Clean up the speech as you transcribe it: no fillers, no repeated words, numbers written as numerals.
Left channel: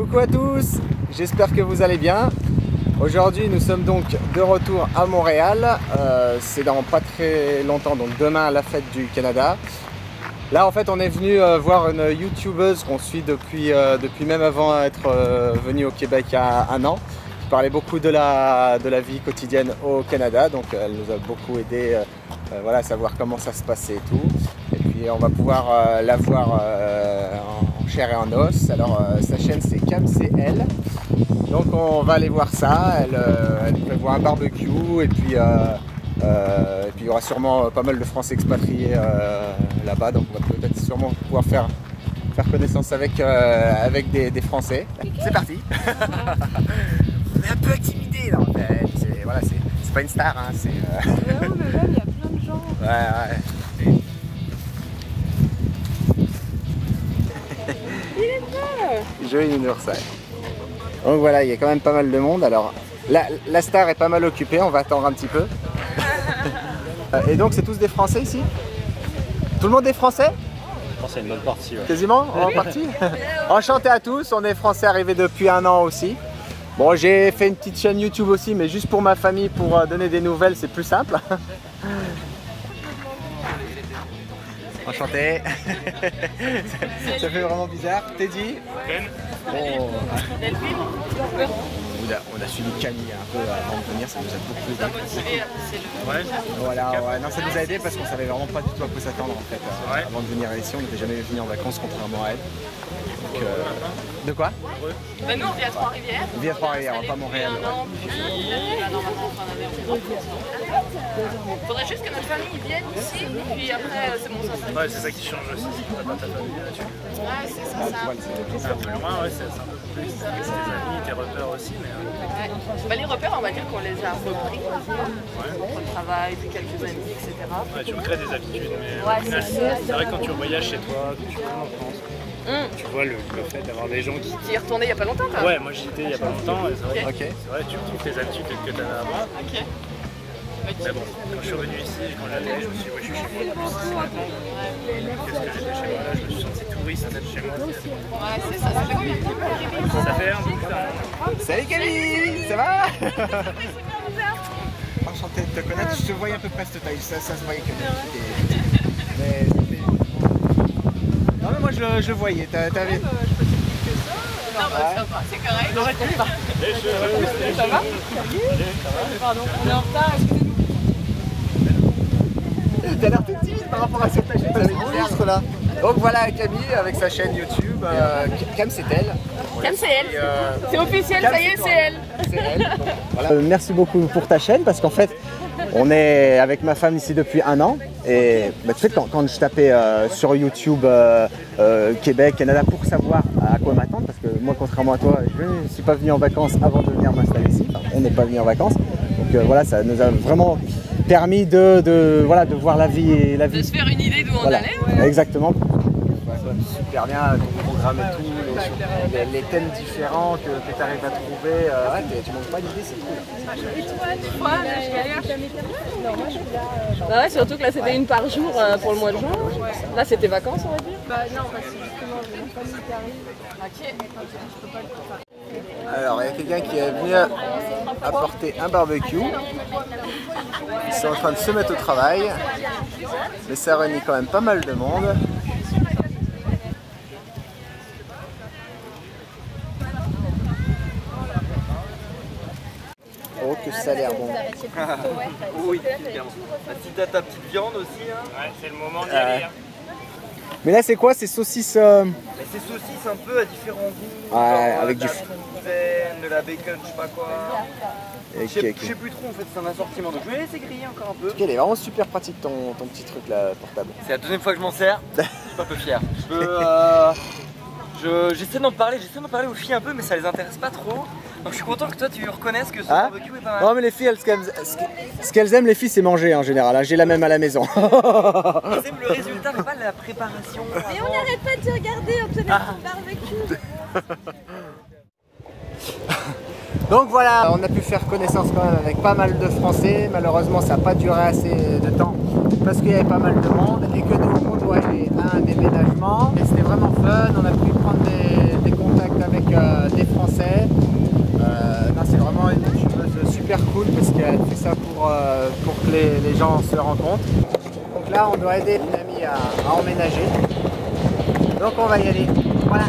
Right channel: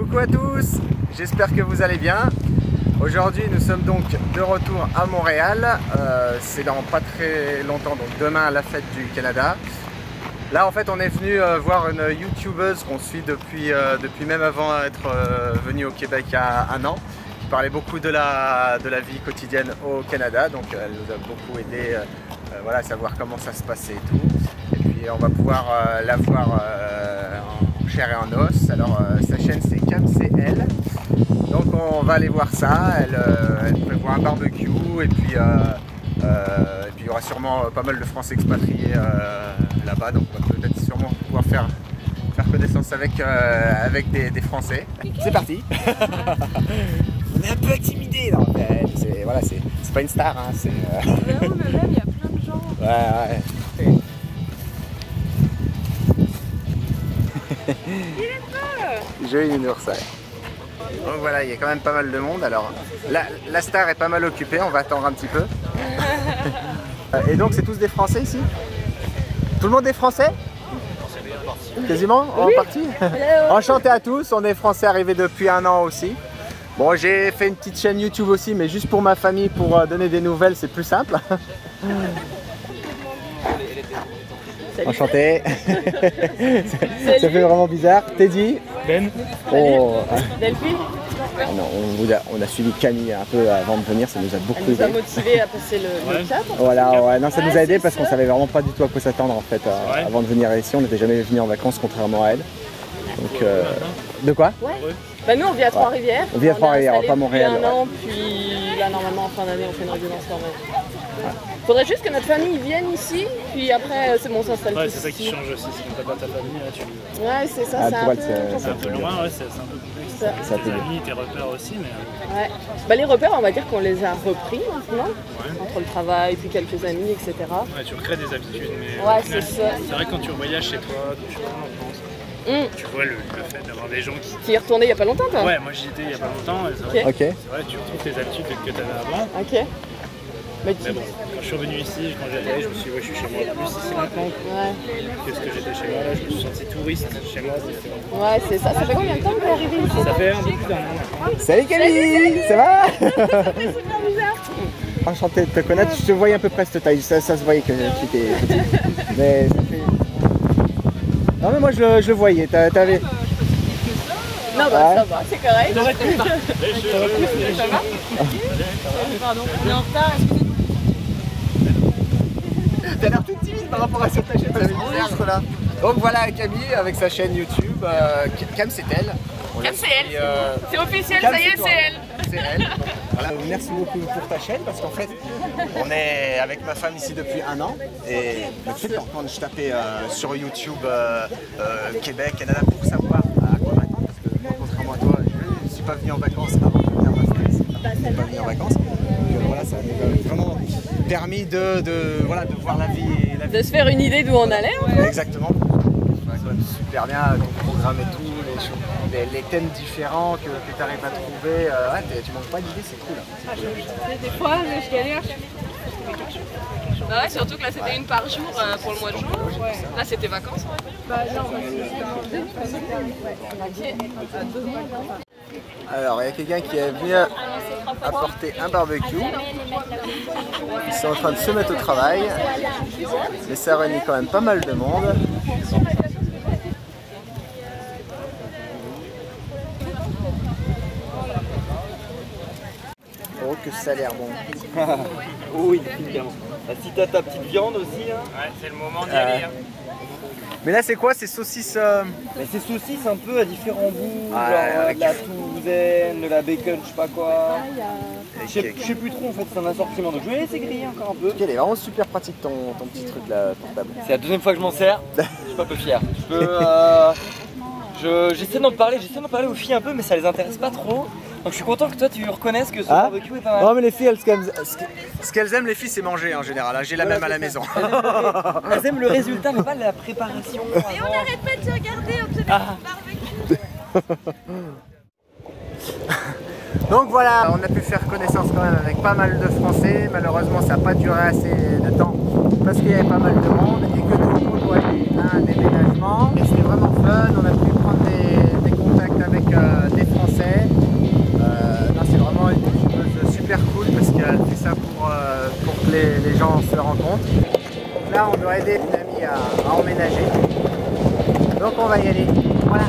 Coucou à tous, j'espère que vous allez bien. Aujourd'hui nous sommes donc de retour à Montréal, c'est dans pas très longtemps, donc demain à la fête du Canada. Là en fait on est venu voir une youtubeuse qu'on suit depuis même avant être venu au Québec il y a un an. Je parlais beaucoup de la vie quotidienne au Canada, donc elle nous a beaucoup aidé voilà, à savoir comment ça se passait et tout. Et puis on va pouvoir la voir en chair et en os. Alors sa chaîne c'est CamCL. Donc on va aller voir ça. Elle prévoit un barbecue et puis il y aura sûrement pas mal de Français expatriés là-bas. Donc on va peut-être sûrement pouvoir faire connaissance avec des Français. C'est parti. On est un peu intimidé là. Voilà, c'est pas une star. Hein, Non, mais même il y a plein de gens. Ouais. Il est beau. Joli nounours. Donc voilà, il y a quand même pas mal de monde. Alors la star est pas mal occupée, on va attendre un petit peu. Et donc c'est tous des Français ici? Tout le monde est français? Quasiment en partie. Enchanté à tous, on est français arrivés depuis un an aussi. Bon, j'ai fait une petite chaîne YouTube aussi, mais juste pour ma famille, pour donner des nouvelles, c'est plus simple. Enchanté. Ça fait vraiment bizarre. Teddy. Ben. Oh. Delphine, On a suivi Camille un peu avant de venir, ça nous a beaucoup aidé. ça nous a motivé à passer le cap. Voilà, ouais, non, ça nous a aidé parce qu'on savait vraiment pas du tout à quoi s'attendre en fait avant de venir ici. On n'était jamais venu en vacances contrairement à elle. Donc, de quoi? Bah nous on vit à Trois-Rivières. On vit à Trois-Rivières, pas Montréal. Depuis un an, puis là normalement en fin d'année on fait notre vacances. Faudrait juste que notre famille vienne ici, puis après c'est bon, on s'installe. Ouais, c'est ça qui change aussi, si tu n'as pas ta famille là, Ouais, c'est ça, c'est un peu loin, ouais, c'est un peu complexe. Tes amis, tes repères aussi, mais... Ouais. Bah, les repères, on va dire qu'on les a repris maintenant, entre le travail, puis quelques amis, etc. Ouais, tu recrées des habitudes, mais ouais, au final, c'est vrai que quand tu voyages chez toi, quand tu rentres en France, tu vois le fait d'avoir des gens qui... Qui est retourné il n'y a pas longtemps, quoi. Ouais, moi j'y étais il n'y a pas longtemps, et c'est vrai, Okay. tu retrouves tes habitudes que tu avais avant. Ok. Mais bon, quand je suis revenu ici, quand j'allais, je me suis dit, ouais, je suis chez moi plus ici maintenant. Qu'est-ce que j'étais chez moi là, je me suis senti touriste même chez moi. Ouais, c'est ça. Ça fait combien de temps que vous arrivez ici? Ça fait un peu plus d'un an. Salut Camille, ça va? Enchanté de te connaître, je te voyais à peu près cette taille, ça se voyait que tu étais petit. Mais ça fait... Non mais moi je voyais, t'avais... Non, bah ça va, c'est correct. Non, pas. Les cheveux, Ça va? Pardon, On est en retard, excusez-nous. T'as l'air tout timide par rapport à cette chaîne, ça bizarre là. Donc voilà Camille avec sa chaîne YouTube, CamCL. CamCL, c'est officiel, ça y est, c'est elle. C'est elle. Donc, voilà. Merci beaucoup pour ta chaîne parce qu'en fait on est avec ma femme ici depuis un an et bah, tu sais quand je tapais sur YouTube Québec, Canada pour savoir à quoi m'attendre parce que moi contrairement à toi je ne suis pas venu en vacances avant de venir m'installer ici, on n'est pas venu en vacances donc voilà ça nous a vraiment permis de voir la vie De se faire une idée d'où on allait. Ouais. Exactement. Super bien ton programme et tout, les thèmes différents que tu arrives à trouver. Ouais, tu manques pas d'idées, c'est cool. Ouais, surtout que là c'était une par jour pour le mois de juin. Là c'était vacances on va dire. Bah non, Alors il y a quelqu'un qui est venu apporter un barbecue. Ils sont en train de se mettre au travail. Mais ça réunit quand même pas mal de monde. Oh que ça a l'air bon. Oui, clairement. Si t'as ta petite viande aussi, hein. Ouais, c'est le moment d'y aller. Mais là c'est quoi? C'est saucisses C'est saucisses un peu à différents goûts, Ah, genre avec de la du- toulousaine, de la bacon, je sais pas quoi. Je Ok. sais plus trop en fait, c'est un assortiment. Donc je vais laisser griller encore un peu. Ok, il est vraiment super pratique ton petit truc là portable. C'est la deuxième fois que je m'en sers. Je suis pas peu fier. J'essaie d'en parler aux filles un peu, mais ça les intéresse pas trop. Donc je suis content que toi tu reconnaisses que ce Ah barbecue est pas mal. non mais les filles, ce qu'elles aiment les filles c'est manger en général, hein. J'ai la même à la maison. Elles aiment le résultat, mais pas la préparation. Et on n'arrête pas de se regarder, on se met barbecue. Donc voilà, on a pu faire connaissance quand même avec pas mal de Français. Malheureusement ça n'a pas duré assez de temps parce qu'il y avait pas mal de monde et que nous on doit aller à un déménagement. Et c'était vraiment fun, on a pu prendre des contacts contact avec des Français. Non, c'est vraiment une youtubeuse super cool parce qu'elle a tout ça pour que les gens se rencontrent. Donc là, on doit aider une amie à emménager. Donc on va y aller. Voilà.